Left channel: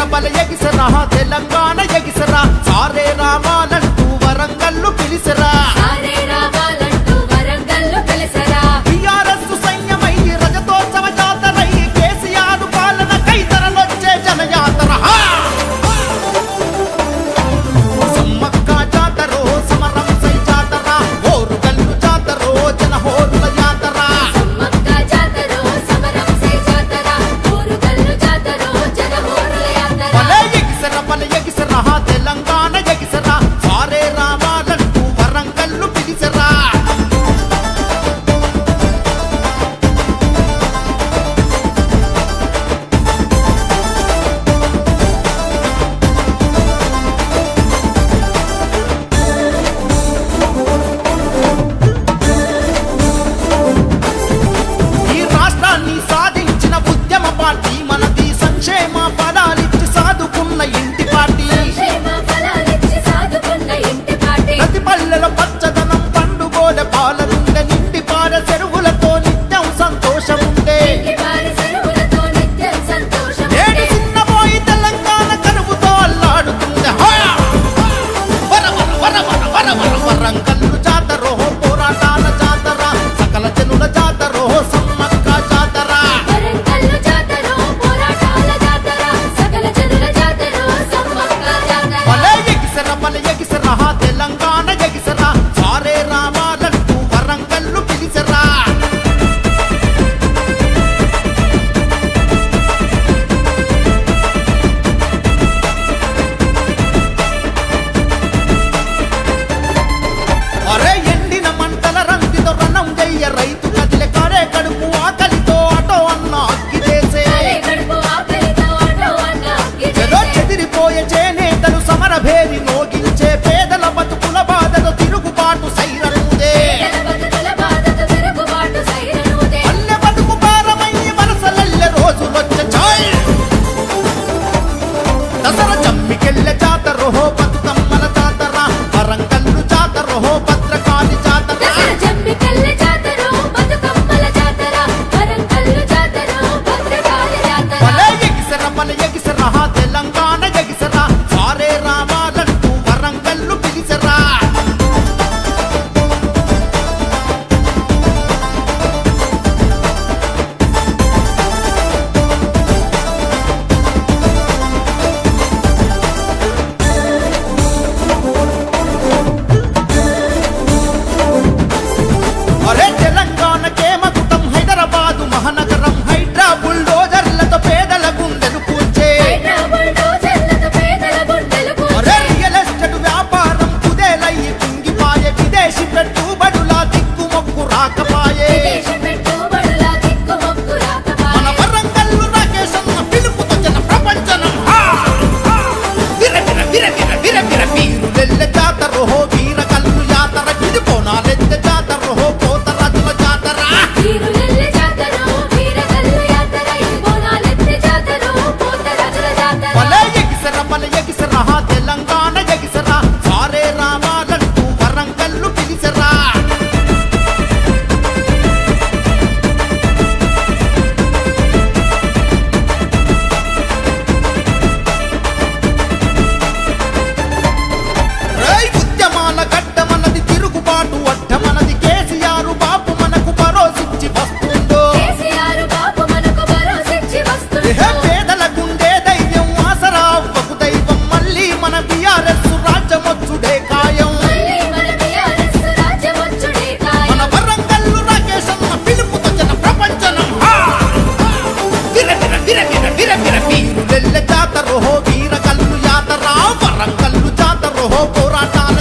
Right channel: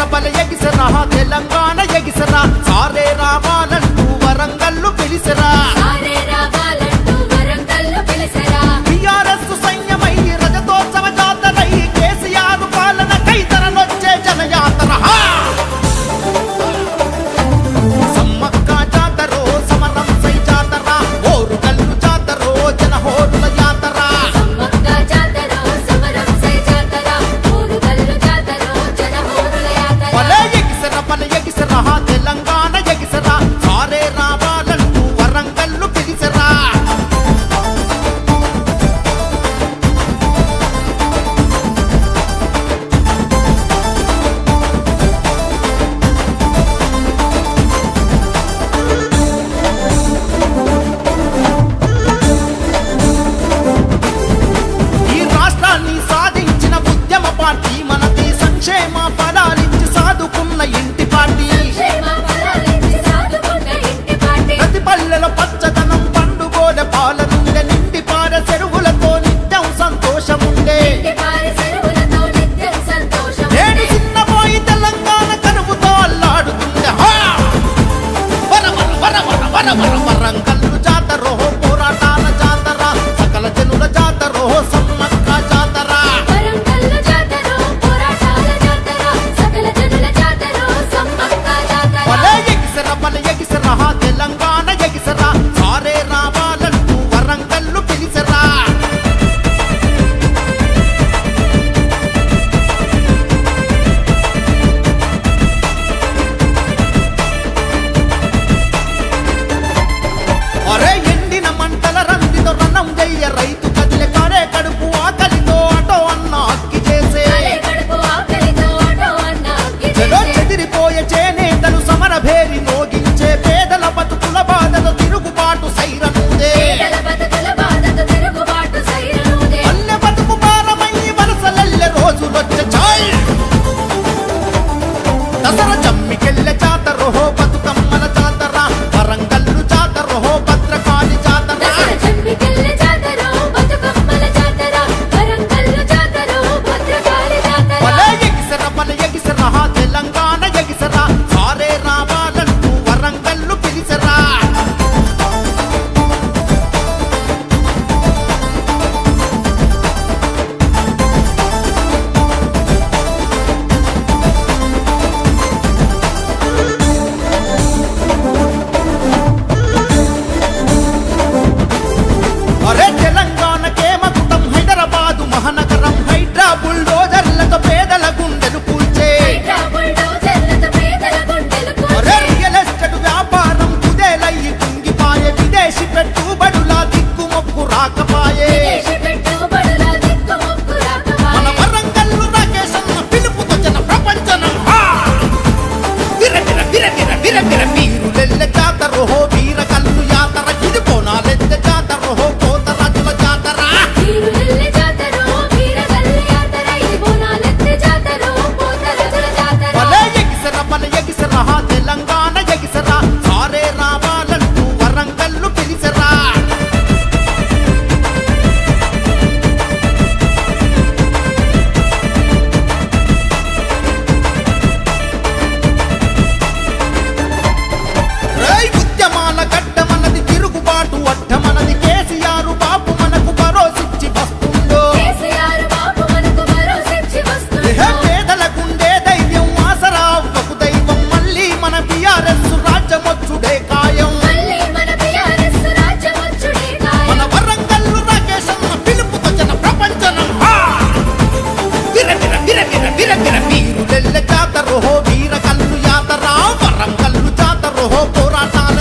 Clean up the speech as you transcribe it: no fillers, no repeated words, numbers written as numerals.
ఎగిసర బల ఎగిసరా తెలంగాణ ఎగిసరా సారే రావాలంటూ వరంగల్లు పిలిసరా టిఆర్ఎస్ సైన్యమై రజతోత్సవ జాతరై కేసీఆర్ పాలన కైతరలొచ్చే జనయాతర సమ్మక్క జాతరో సమరం సై జాతర ఓరుగల్లు జాతరో జనహోరుల యాతర బల ఎగిసరా తెలంగాణ ఎగిసరా సారే రావాలంటూ వరంగల్లు పిలిసరా ఈ రాష్ట్రాన్ని సాధించిన ఉద్యమ పార్టీ మనది సంక్షేమ ఫలాలిచ్చి సాదుకున్న ఇంటి పార్టీ ప్రతి పల్లెల పచ్చదనం పండుగోల పాలనుండే నిండి పార చెరువులతో నిత్యం సంతోషముండే నేడు చిన్నపోయి తెలంగాణ కరువుతో అల్లాడుతుండే వరంగల్లు జాతరో పోరాటాల జాతర సకల జనుల జాతరో సమ్మక్క జాతర బల ఎగిసరా తెలంగాణ ఎగిసరా సారే రావాలంటూ వరంగల్లు పిలిసరా అరే ఎండిన మంటల రందితో రణం చెయ్య రైతు కదిలే కారే కడుపు ఆకలితో అటో అన్న అక్కి చేసే చెలో చెదిరిపోయే చేనేతలు సమరభేరి నోగించే పేదల బతుకుల బాధతో తిరుగుబాటు సైరనుదే పల్లె బతుకు భారమై వలసలెల్లె రోజులొచ్చే చాయ్ దసరా జమ్మికెళ్ళె జాతరో బతుకమ్మల జాతర వరంగల్లు జాతరో భద్రకాళి జాతర బల ఎగిసరా తెలంగాణ ఎగిసరా సారే రావాలంటూ వరంగల్లు పిలిసరా అరే తెలంగాణకే మకుటం హైదరాబాదు మహానగరం హైడ్రా బుల్డోజర్లతో పేదల గుండెలు కూల్చే అరే రియల్ ఎస్టేట్ వ్యాపారం కుదేలయ్యి కుంగిపాయే విదేశీ పెట్టుబడుల దిక్కుమొక్కు రాకపాయే మన వరంగల్లు రాకేష్ అన్న పిలుపుతో జన ప్రపంచనం వీరులెల్లె జాతరో వీరకల్లు యాతర ఇది పోనాలెద్దె జాతరో పోతరాజుల జాతర బల ఎగిసరా తెలంగాణ ఎగిసరా సారే రావాలంటూ వరంగల్లు పిలిసరా ఉద్యమాల గడ్డ మనది తిరుగుబాటు అడ్డ మనది కేసీఆర్ బాపు మనకు భరోసిచ్చి వస్తుందో పేదల గుండె ధైర్యం ఆసరా అవ్వకు దైవం మళ్ళీ మన బిఆర్ఎస్ రాజ్యమొచ్చుడే కాయం మన వరంగల్లు రాకేష్ అన్న పిలుపుతో జన ప్రపంచనం వీరులెల్లె జాతరో వీరకల్లు యాతర వరంగల్లు జాతరో పోరాటాల